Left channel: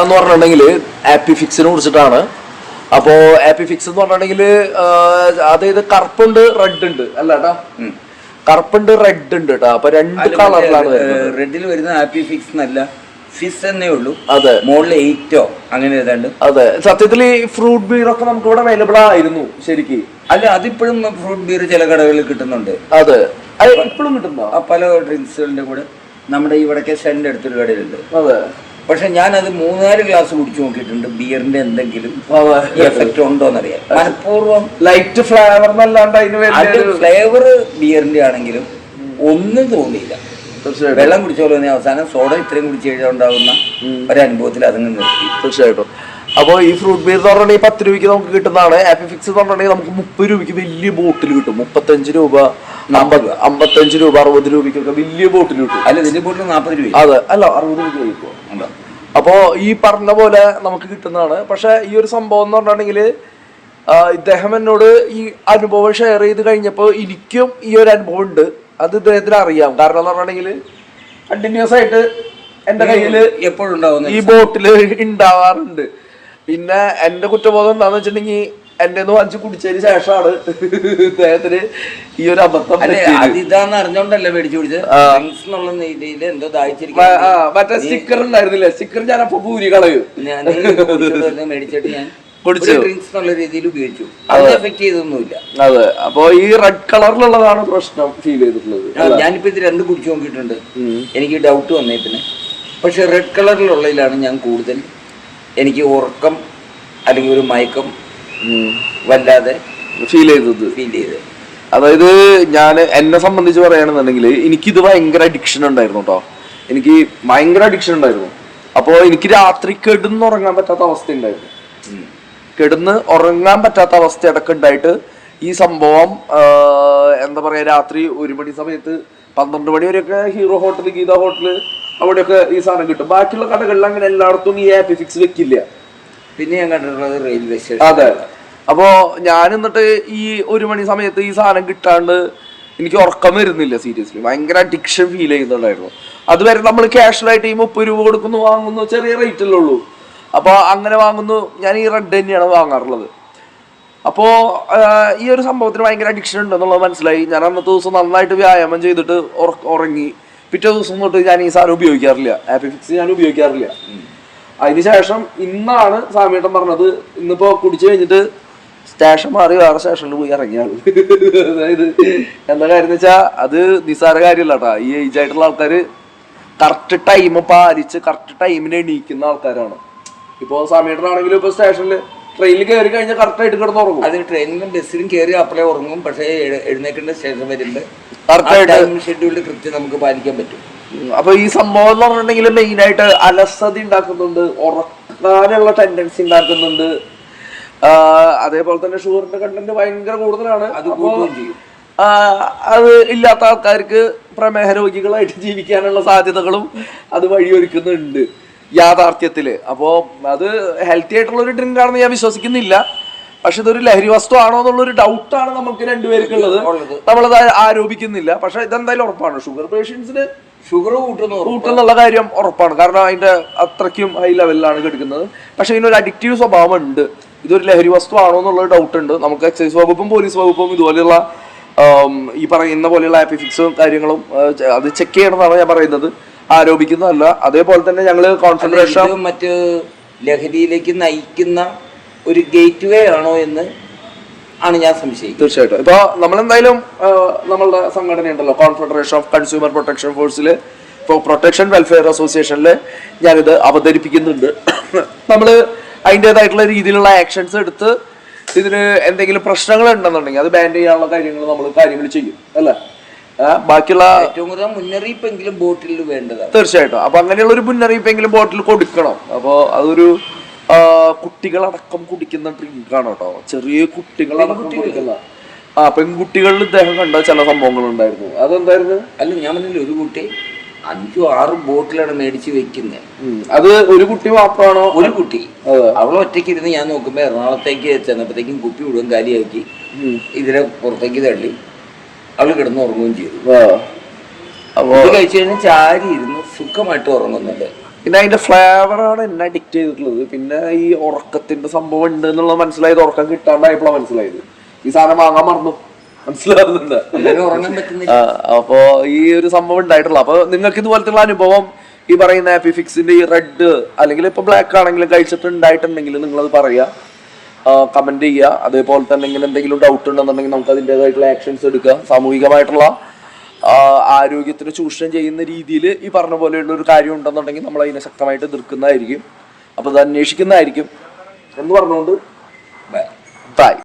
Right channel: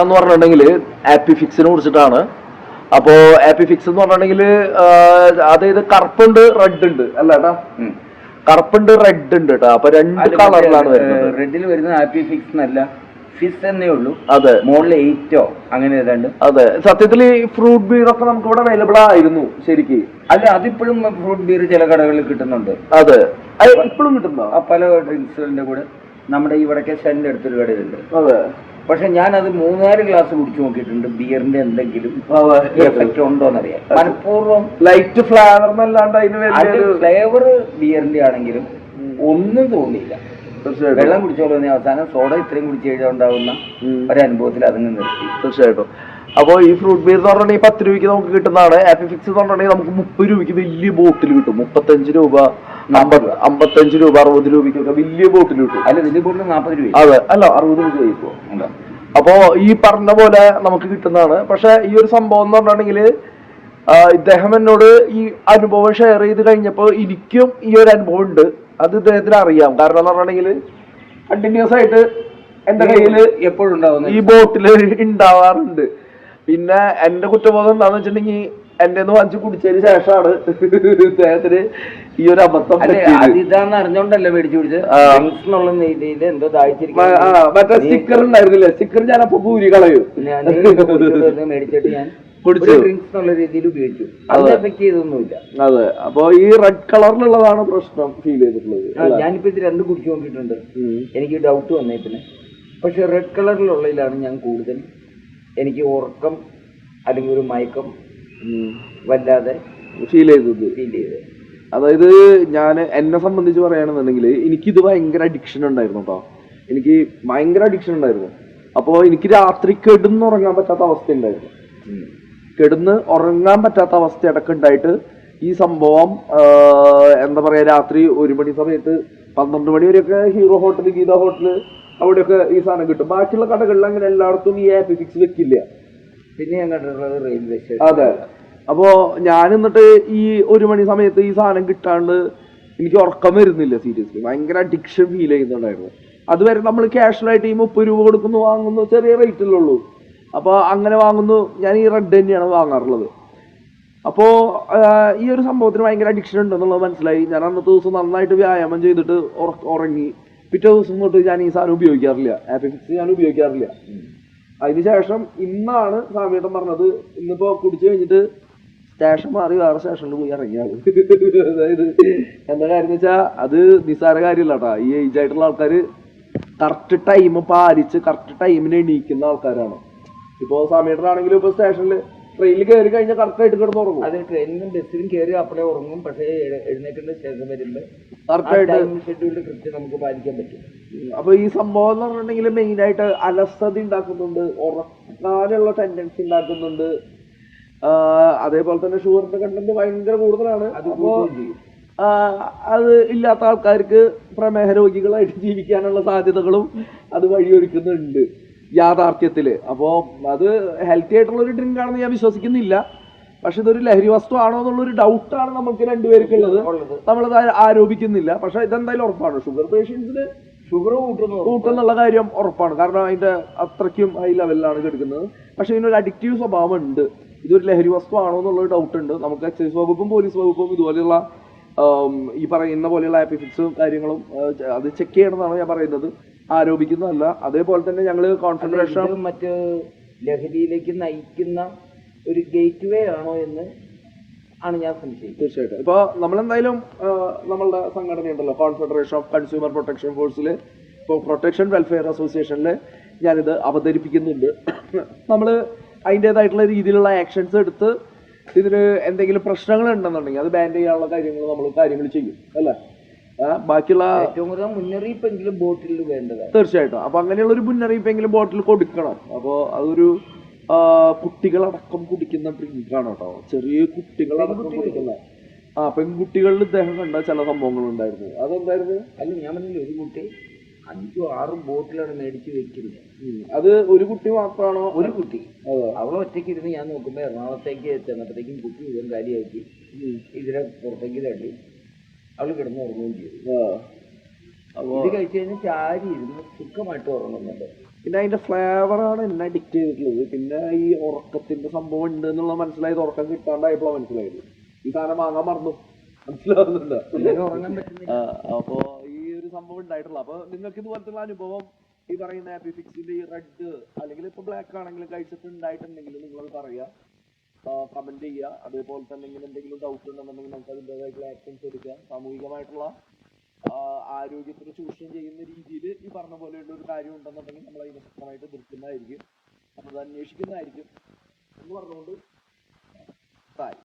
എന്ന് പറഞ്ഞിട്ടുണ്ടെങ്കിൽ ആപ്പി ഫിക്സിനെ കുറിച്ചിട്ടാണ്. അപ്പോ ആപ്പി ഫിക്സ് എന്ന് പറഞ്ഞിട്ടുണ്ടെങ്കിൽ അതായത് കറുപ്പുണ്ട് റെഡ് ഉണ്ട്. അല്ല കേട്ടോ കറുപ്പുണ്ട് റെഡ് ഉണ്ട് കേട്ടോ. അപ്പൊ രണ്ട് കളറിലാണ് വരുന്നത്. റെഡിൽ വരുന്ന ആപ്പി ഫിക്സ് എന്നല്ല ഫിസ് എന്നേ ഉള്ളൂ. അതെ. മോളിൽ എയ്റ്റോ അങ്ങനെ ഏതാണ്ട്. അതെ. സത്യത്തിൽ ഈ ഫ്രൂട്ട് ബീർ ഒക്കെ നമുക്ക് ഇവിടെ അവൈലബിൾ ആയിരുന്നു ശരിക്ക്. അല്ല അതിപ്പോഴും ഫ്രൂട്ട് ബീർ ചില കടകളിൽ കിട്ടുന്നുണ്ട്. അതെ. ഇപ്പോഴും കിട്ടുന്നോ പല ഡ്രിങ്ക്സുകളുടെ കൂടെ നമ്മുടെ ഈ വടക്കേ സ്റ്റാൻഡിന്റെ അടുത്തൊരു കടയിലുണ്ട്. അതെ. പക്ഷെ ഞാനത് മൂന്നാൽ ഗ്ലാസ് കുടിച്ചു നോക്കിയിട്ടുണ്ട്. ബിയറിന്റെ എന്തെങ്കിലും എഫക്റ്റ് ഉണ്ടോ എന്നറിയാം മനഃപൂർവം ലൈറ്റ് ഫ്ലേവർ അതിന് ഫ്ലേവർ ബിയറിന്റെ ആണെങ്കിലും ഒന്നും തോന്നിയില്ല. വെള്ളം കുടിച്ചോളൂ അവസാനം സോഡ ഇത്രയും കുടിച്ചു കഴിഞ്ഞാൽ ഉണ്ടാവുന്ന ഒരു അനുഭവത്തിൽ അതങ്ങ് നിർത്തി. തീർച്ചയായിട്ടും. അപ്പോൾ ഈ ഫ്രൂട്ട് ബിയർ എന്ന് പറഞ്ഞിട്ടുണ്ടെങ്കിൽ പത്ത് രൂപയ്ക്ക് നമുക്ക് കിട്ടുന്നതാണ്. ആപ്പി ഫിക്സ് എന്ന് പറഞ്ഞിട്ടുണ്ടെങ്കിൽ നമുക്ക് മുപ്പത് രൂപയ്ക്ക് വലിയ ബോട്ടിൽ കിട്ടും. മുപ്പത്തഞ്ച് രൂപ അമ്പത് അമ്പത്തഞ്ച് രൂപ അറുപത് രൂപയ്ക്കൊക്കെ വലിയ ബോട്ടിൽ കിട്ടും. അല്ല ഇതിന്റെ ബോട്ടിൽ നാൽപ്പത് രൂപ അതെ. അല്ല അറുപത് രൂപ കഴിക്കുമോ ഉണ്ടോ അപ്പോ ഈ പറഞ്ഞ പോലെ നമുക്ക് കിട്ടുന്നതാണ്. പക്ഷെ ഈ ഒരു സംഭവം എന്ന് പറഞ്ഞിട്ടുണ്ടെങ്കിൽ ഇദ്ദേഹം എന്നോട് ഈ അനുഭവം ഷെയർ ചെയ്ത് കഴിഞ്ഞപ്പോൾ എനിക്കും ഈ ഒരു അനുഭവം ഉണ്ട്. അത് ഇദ്ദേഹത്തിന് അറിയാം. കാരണം എന്ന് പറഞ്ഞിട്ടുണ്ടെങ്കിൽ കണ്ടിന്യൂസ് ആയിട്ട് എന്റെ കയ്യിൽ എപ്പോഴും ഈ ബോട്ടിൽ ഉണ്ടാവാറുണ്ട്. പിന്നെ എന്റെ കുറ്റബോധം എന്താന്ന് വെച്ചിട്ടുണ്ടെങ്കിൽ എന്റെ ഒന്ന് വലിച്ചു കുടിച്ചതിന് ശേഷമാണ് അദ്ദേഹത്തിന് ഈ ഒരു അബദ്ധം അതിതാന്ന് അറിഞ്ഞോണ്ടല്ലേ മേടിച്ചു കുടിച്ചത്? എന്തോ മറ്റേ സ്റ്റിക്കർ ഉണ്ടായിരുന്നില്ലേ? സ്റ്റിക്കർ ഞാൻ അപ്പൊ പൂരി കളയും. മേടിച്ചിട്ട് ഞാൻ അത്. അപ്പൊ ഈ റെഡ് കളറിലുള്ളതാണ് പ്രശ്നം ഫീൽ ചെയ്തിട്ടുള്ളത് ഞാനിപ്പോ ഇത് രണ്ട് കുടിച്ചു നോക്കിയിട്ടുണ്ട്. എനിക്ക് ഡൗട്ട് വന്നേ പിന്നെ. പക്ഷെ റെഡ് കളറിലുള്ളതിലാണ് ഞാൻ കൂടുതൽ എനിക്ക് ഉറക്കം അല്ലെങ്കിൽ ഒരു മയക്കം വല്ലാതെ ഫീൽ ചെയ്തത്. ഫീൽ ചെയ്തത്. അതായത് ഞാൻ എന്നെ സംബന്ധിച്ച് പറയുകയാണെന്നുണ്ടെങ്കിൽ ഇത് ഭയങ്കര അഡിക്ഷൻ ഉണ്ടായിരുന്നു കേട്ടോ എനിക്ക് ഭയങ്കര അഡിക്ഷൻ ഉണ്ടായിരുന്നു. അപ്പോൾ എനിക്ക് രാത്രി കെടുന്ന് കിടന്നുറങ്ങാൻ പറ്റാത്ത അവസ്ഥ ഉണ്ടായിരുന്നു. കെടുന്ന് ഉറങ്ങാൻ പറ്റാത്ത അവസ്ഥ അടക്കം ഉണ്ടായിട്ട് ഈ സംഭവം എന്താ പറയാ രാത്രി ഒരു മണി സമയത്ത് പന്ത്രണ്ട് മണി വരെയൊക്കെ ഹീറോ ഹോട്ടൽ ഗീത ഹോട്ടൽ അവിടെയൊക്കെ ഈ സാധനം കിട്ടും. ബാക്കിയുള്ള കടകളിൽ അങ്ങനെ എല്ലായിടത്തും ഈ ആപ്പ് ഫിക്സ് വെക്കില്ല. പിന്നെ ഞാൻ കണ്ടിട്ടുള്ളത് റെയിൽവേ സ്റ്റേഷൻ അതെ. അപ്പോ ഞാൻ എന്നിട്ട് ഈ ഒരു മണി സമയത്ത് ഈ സാധനം കിട്ടാണ്ട് എനിക്ക് ഉറക്കം വരുന്നില്ല സീരിയസ്ലി ഭയങ്കര അഡിക്ഷൻ ഫീൽ ചെയ്യുന്നുണ്ടായിരുന്നു. അതുവരെ നമ്മൾ ക്യാഷ്വൽ ആയിട്ട് ഈ മുപ്പത് രൂപ കൊടുക്കുന്നു വാങ്ങുന്നു ചെറിയ റേറ്റല്ലേ ഉള്ളൂ. അപ്പോൾ അങ്ങനെ വാങ്ങുന്നു ഞാൻ ഈ റെഡ് തന്നെയാണ് വാങ്ങാറുള്ളത്. അപ്പോൾ ഈ ഒരു സംഭവത്തിന് ഭയങ്കര അഡിക്ഷൻ ഉണ്ടെന്നുള്ളത് മനസ്സിലായി. ഞാൻ അന്നത്തെ ദിവസം നന്നായിട്ട് വ്യായാമം ചെയ്തിട്ട് ഉറങ്ങി. പിറ്റേ ദിവസം തൊട്ട് ഞാൻ ഈ സാധനം ഉപയോഗിക്കാറില്ല. ആപ്പി ഫിക്സ് ഞാൻ ഉപയോഗിക്കാറില്ല. അതിനുശേഷം ഇന്നാണ് സാമീട്ടൻ പറഞ്ഞത് ഇന്നിപ്പോ കുടിച്ചു കഴിഞ്ഞിട്ട് സ്റ്റേഷൻ മാറി വേറെ സ്റ്റേഷനിൽ പോയി ഇറങ്ങിയാണ് അതായത് എന്താ കാര്യം എന്ന് വെച്ചാൽ അത് നിസ്സാര കാര്യമല്ല കേട്ടാ ഈ ഏജ് ആയിട്ടുള്ള ആൾക്കാര് കറക്റ്റ് ടൈം പാലിച്ച് കറക്റ്റ് ടൈമിന് എണീക്കുന്ന ആൾക്കാരാണ്. ഇപ്പോ സമീടനാണെങ്കിലും ഇപ്പൊ സ്റ്റേഷനിൽ ട്രെയിനിൽ കയറി കഴിഞ്ഞാൽ കറക്റ്റായിട്ട് കിടന്ന് ഉറങ്ങും അത് ട്രെയിനിലും ബസ്സിലും കയറി അപ്പളേ ഉറങ്ങും. പക്ഷേ എഴുന്നേക്കേണ്ട ശേഷം വരുമ്പോൾ കറക്റ്റായിട്ട് ഷെഡ്യൂളിൽ കൃത്യം നമുക്ക് പാലിക്കാൻ പറ്റും. അപ്പൊ ഈ സംഭവം എന്ന് പറഞ്ഞിട്ടുണ്ടെങ്കിൽ മെയിൻ ആയിട്ട് അലസത ഉണ്ടാക്കുന്നുണ്ട് ഉറക്കാനുള്ള ടെൻഡൻസി ഉണ്ടാക്കുന്നുണ്ട്. അതേപോലെ തന്നെ ഷുഗറിന്റെ കണ്ടന്റ് ഭയങ്കര കൂടുതലാണ്. അത് ചെയ്യും. അത് ഇല്ലാത്ത ആൾക്കാർക്ക് പ്രമേഹ രോഗികളായിട്ട് ജീവിക്കാനുള്ള സാധ്യതകളും അത് വഴിയൊരുക്കുന്നുണ്ട്. യാഥാർത്ഥ്യത്തിൽ. അപ്പോൾ അത് ഹെൽത്തി ആയിട്ടുള്ള ഒരു ഡ്രിങ്ക് ആണെന്ന് ഞാൻ വിശ്വസിക്കുന്നില്ല. പക്ഷെ ഇതൊരു ലഹരി വസ്തു ആണോ എന്നുള്ളൊരു ഡൗട്ടാണ് നമുക്ക് രണ്ടുപേർക്കുള്ളത്. നമ്മളത് ആരോപിക്കുന്നില്ല. പക്ഷെ ഇതെന്തായാലും ഉറപ്പാണ്. ഷുഗർ പേഷ്യൻസിന് ഷുഗർ കൂട്ടുന്നു കൂട്ടുന്നുള്ള കാര്യം ഉറപ്പാണ്. കാരണം അതിന്റെ അത്രയ്ക്കും ഹൈ ലെവലിലാണ് കിടക്കുന്നത്. പക്ഷെ ഇതിനൊരു അഡിക്റ്റീവ് സ്വഭാവം ഉണ്ട് ഇതൊരു ലഹരി വസ്തു ആണോ എന്നുള്ള ഡൗട്ട് ഉണ്ട്. നമുക്ക് എക്സൈസ് വകുപ്പും പോലീസ് വകുപ്പും ഇതുപോലെയുള്ള ഈ പറയുന്ന പോലെയുള്ള ആപ്പിഫിക്സും കാര്യങ്ങളും അത് ചെക്ക് ചെയ്യണമെന്നാണ് ഞാൻ പറയുന്നത്. ആരോപിക്കുന്നതല്ല. അതേപോലെ തന്നെ ഞങ്ങൾ കോൺസെൻട്രേഷൻ മറ്റ് ലഹരിയിലേക്ക് നയിക്കുന്ന ഒരു ഗേറ്റ് വേ ആണോ എന്ന് ആണ് ഞാൻ സംശയിക്കുന്നത്. തീർച്ചയായിട്ടും. ഇപ്പൊ നമ്മളെന്തായാലും നമ്മളുടെ സംഘടന ഉണ്ടല്ലോ. കോൺഫെഡറേഷൻ ഓഫ് കൺസ്യൂമർ പ്രൊട്ടക്ഷൻ ഫോഴ്സിൽ ഇപ്പോൾ പ്രൊട്ടക്ഷൻ വെൽഫെയർ അസോസിയേഷനിൽ ഞാനിത് അവതരിപ്പിക്കുന്നുണ്ട്. നമ്മൾ അതിന്റെതായിട്ടുള്ള രീതിയിലുള്ള ആക്ഷൻസ് എടുത്ത് ഇതിന് എന്തെങ്കിലും പ്രശ്നങ്ങൾ ഉണ്ടെന്നുണ്ടെങ്കിൽ അത് ബാൻ ചെയ്യാനുള്ള കാര്യങ്ങൾ നമ്മൾ കാര്യങ്ങൾ ചെയ്യും. അല്ലേ? ബാക്കിയുള്ള ഏറ്റവും കൂടുതൽ മുന്നറിയിപ്പെങ്കിലും ബോട്ടിൽ വേണ്ടതാണ്. തീർച്ചയായിട്ടും. അപ്പൊ അങ്ങനെയുള്ള ഒരു മുന്നറിയിപ്പെങ്കിലും ബോട്ടിൽ കൊടുക്കണം. അപ്പോൾ അതൊരു കുട്ടികളടക്കം കുടിക്കുന്ന ഡ്രിങ്ക് ആണ് കേട്ടോ. ചെറിയ കുട്ടികളടക്കം കുടിക്കുന്ന ആ പെൺകുട്ടികളിൽ ഇദ്ദേഹം കണ്ട ചില സംഭവങ്ങൾ ഉണ്ടായിരുന്നു. അതെന്തായിരുന്നു? അല്ല ഞാൻ പറഞ്ഞില്ല ഒരു കുട്ടി അഞ്ചോ ആറും ബോട്ടിലാണ് മേടിച്ച് വെക്കുന്നത് അത് ഒരു കുട്ടി മാത്രമാണോ? ഒരു കുട്ടി. അവൾ ഒറ്റയ്ക്ക് ഇരുന്ന് ഞാൻ നോക്കുമ്പോൾ എറണാകുളത്തേക്ക് ചെന്നപ്പോഴത്തേക്കും കുപ്പി മുഴുവൻ കാലിയാക്കി. ഇതിനെ പുറത്തേക്ക് തള്ളി. അവൾ കിടന്ന് ഉറങ്ങുകയും ചെയ്തു അപ്പോൾ ഇത് കഴിച്ചു കഴിഞ്ഞാൽ ചാരി ഇരുന്ന് സുഖമായിട്ട് ഉറങ്ങുന്നുണ്ട്. പിന്നെ അതിന്റെ ഫ്ലേവറാണ് എന്നെ അഡിക്റ്റ് ചെയ്തിട്ടുള്ളത്. പിന്നെ ഈ ഉറക്കത്തിന്റെ സംഭവം ഉണ്ട് എന്നുള്ളത് മനസ്സിലായത് ഉറക്കം കിട്ടാണ്ടായപ്പോഴാണ് മനസ്സിലായത്. ഈ സാധനം വാങ്ങാൻ മറന്നു. മനസ്സിലാവുന്നുണ്ട്. അപ്പോ ഈ ഒരു സംഭവം ഉണ്ടായിട്ടുള്ള. അപ്പൊ നിങ്ങൾക്ക് ഇതുപോലത്തെ അനുഭവം ഈ പറയുന്ന ഹാപ്പി ഫിക്സിന്റെ ഈ റെഡ് അല്ലെങ്കിൽ ഇപ്പൊ ബ്ലാക്ക് ആണെങ്കിലും കഴിച്ചിട്ട് ഉണ്ടായിട്ടുണ്ടെങ്കിൽ നിങ്ങളത് പറയാ. കമന്റ് ചെയ്യുക. അതേപോലെ തന്നെ ഇങ്ങനെ എന്തെങ്കിലും ഡൗട്ട് ഉണ്ടെന്നുണ്ടെങ്കിൽ നമുക്ക് അതിന്റെതായിട്ടുള്ള ആക്ഷൻസ് എടുക്കുക സാമൂഹികമായിട്ടുള്ള ആരോഗ്യത്തിന് ചൂഷണം ചെയ്യുന്ന രീതിയിൽ ഈ പറഞ്ഞ പോലെയുള്ള ഒരു കാര്യം ഉണ്ടെന്നുണ്ടെങ്കിൽ നമ്മൾ അതിനെ ശക്തമായിട്ട് എതിർക്കുന്നതായിരിക്കും. അപ്പോൾ അത് അന്വേഷിക്കുന്നതായിരിക്കും. എന്ന് പറഞ്ഞുകൊണ്ട് ബൈ